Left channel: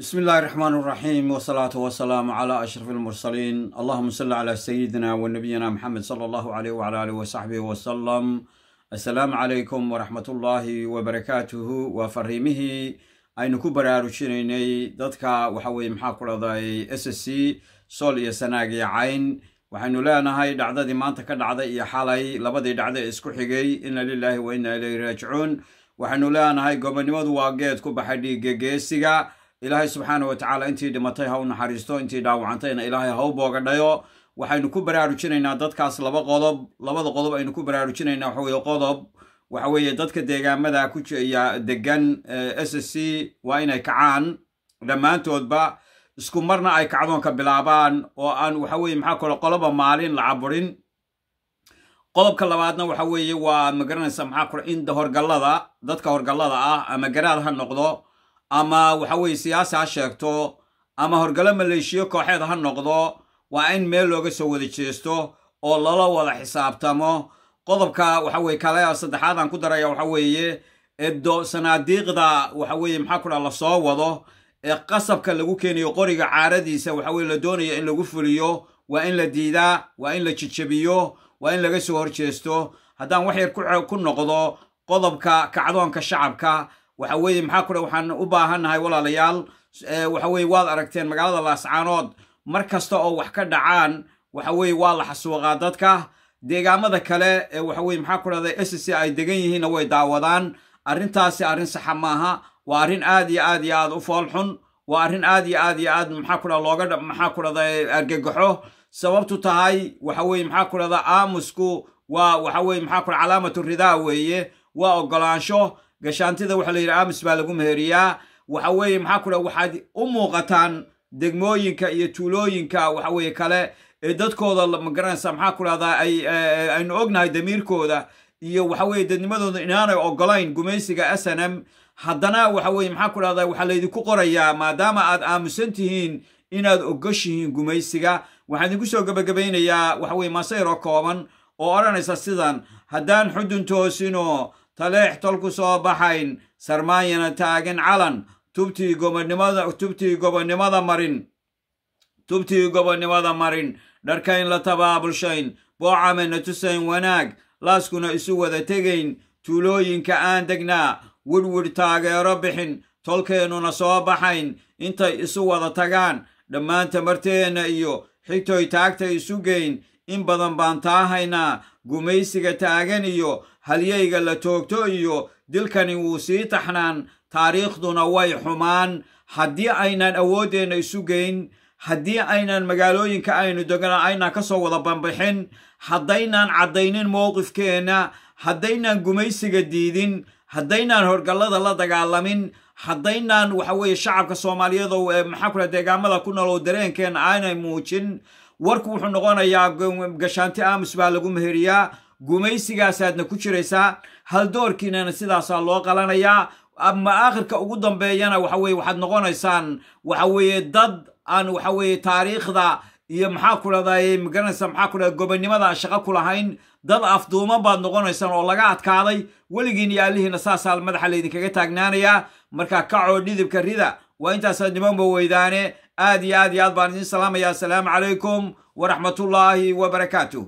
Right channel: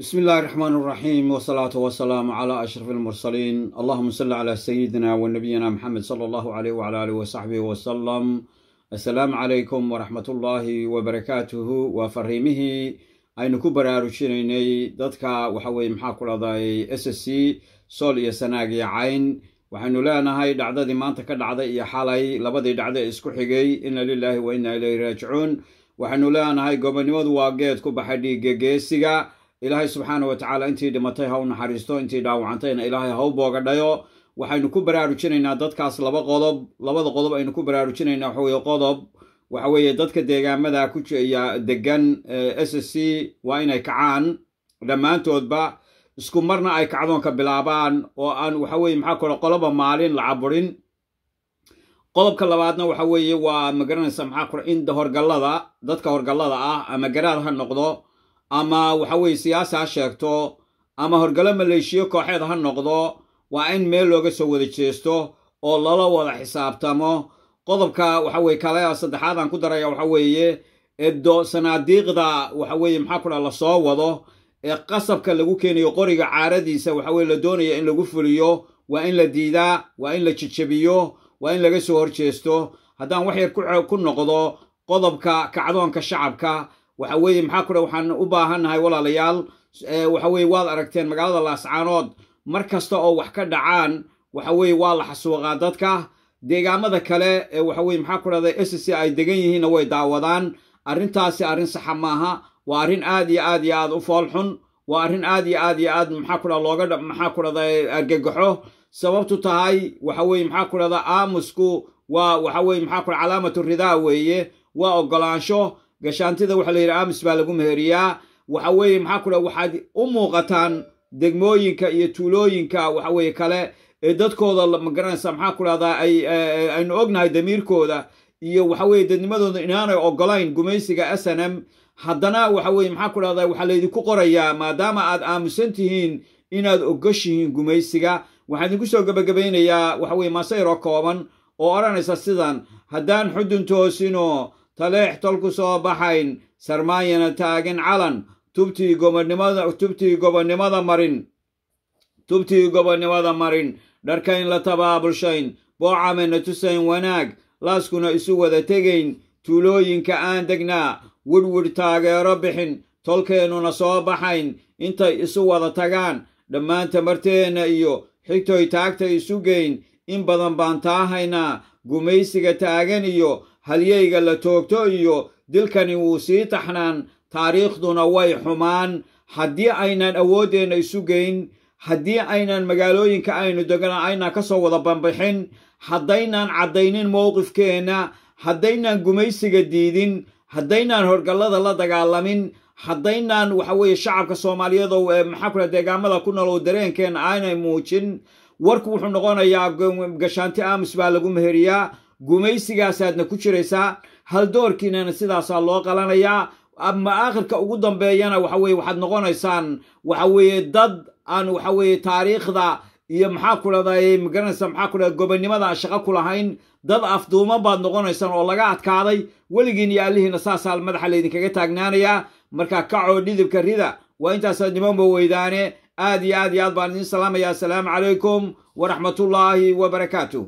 بسم الله الرحمن الرحيم والصلاة والسلام على أشرف المرسلين. اللهم صل على سيدنا ونبينا محمد صلى الله عليه وعلى آله وصحبه وسلم. السلام عليكم ورحمة الله وبركاته وفريمه أين كبر رشيني دتك وحوي محاكرة ذي SSC صول يسناجي عين وحنو لا نهاي دعدة ما أنت كدعدة يا حالي لبدي دعدة إسكحجي إن لله وإنا إليه راجعون وحنو لا نهاي قبل نود واجد كوبحدي جيسيجا إلهي سبحانه وتعالى أنتي دمتيها ونحرستو أنتي داوعنتين إلهي هو بوغدايو waxaynu ku baraarujinaynaa dadkaas labada qodob aynu ku baraarujinaynaa waxa weeye qodob waxa weeye dadka deegaamada ku jeeya degan SSC waa inay kacaan dhamaantoodba isku marna ay kacdoon ka bilaabaan oo aan waxa weeye maxaa kale qoloba maalin la caburin qodobka labaadna waxa weeye waa magaranaysa maxaa kale in horgalada dadka horgalada ah ama garaad ha noqdo ama waxa weeye siyaasi ha sheegto ama horgalo maleeshiyo kooxeed ha noqdo waa in meel looga soo wada jeesto oo lala wada xisaabtamo qodobka waxa weeye kale saddexaad aan ku daraya waxa weeye edo sanaadiiqda waxa weeye maxaa kula la soo wado ee qasabka lagu keenayo qoriga caaradiisa waxa weeye la doonayo in lagu fuliyo waa in la diidaa waa in la jijabiyo waa in laga soo horjeesto haddaan wax yar ku noqdo qodobka kacdoonka shacabka waxa weeye maxaa kula waxaan u baahannahay walaalayaal waxa weeye waad aragteen magaalada Laascaanood markasta oo wax ka dhacaan waxa weeye waa la xasuuqaa dadka deegaamada kale waxa weeye maxaa ku raday SSC ay degan yihiin way daawadaan arintaasi arin sax maaha waa arin aad iyo aad u fool xun waa arin aad iyo aad maxaa ku raday looga maxaa ku raday argagaxo sababtu tahay waxa weeye maxaa ku raday aamusku waa waxa weeye maxaa ku calaamatu ridaa weeye waa ogolaansho gashaantida waxa la yiraahdaa aamus baa lagu meeriyaa waxa weeye maxaa ku raday waxaad u muuqataan degmooyinka iyo tuulooyinka waxa weeye kale ee dadkooda ma garanaysa maxaa ku radaa aynu ognahay damiirkooda iyo waxa weeye dadnimadooda inaanay ogolayn gumaysiga SNM haddana waxa weeye maxaa ku radaa waxa la idinku qorayaa maadaama aad aamusan tihiin inaad ogoshihiin gumaysiga waxaan idinku soo gabagabeynayaa waxa weeye masayro kooban oo oranaysa sidan haddaan xudun toosino taleex tolku soo baxayn sarmaayana taagan calan tubtii gobonnimada marin dharkayn la tabaabulshayn boocamena tusayn wanaag laaskuna isu wada tegayn tuulooyinka aan degnaa wirwir taageero bixin tolkeennuna soo baxayn intay isu wada tagaan dhammaan tamarteenna iyo xigtoy taagta isu geyn in badan baan taahaynaa gumaysiga taagan iyo halyeyga la toogto iyo dilkani wuu sii taxnaan taariikhduna way xumaan haddii aynan awoodeenna isu geyn haddii aynan magaalooyinka aynu degana aynan ka soo wada banbixin haddaynan caddaynin mowqifkeenna haddaynan gumaysiga diidin haddaynan horgallada la dagaalamin haddaynan waxa weeye shacabka Soomaaliyeed oo maxaa kula deegaamada ku nool dareenkeena aanay muujin warku wuxuu noqonayaa gashaanti aamus baa lagu meheriyaa gumaysigaasaadna ku jiraysaa hal doorkiinana sidaasaa loo qalanayaa ama aakhirka ugu dambeeyana waxa weeye waxaad noqonaysaan waxa weeye dad aan waxa weeye taariikhda iyo maxaa ku raday magaranaysa maxaa ku raday gobonnimada shaqo ku lahayn dad afduuma baad noqonaysaan oo laga adkaaday weligiin iyo alihiina saasaa madaxa laydinkaga taagnaanayaa marka kacoo dhidibka rida waa intaasaad nimanba weydaane aad iyo aad baan idin salaamayaa assalaamu calaykum waraxmatullaahi wabarakaatuh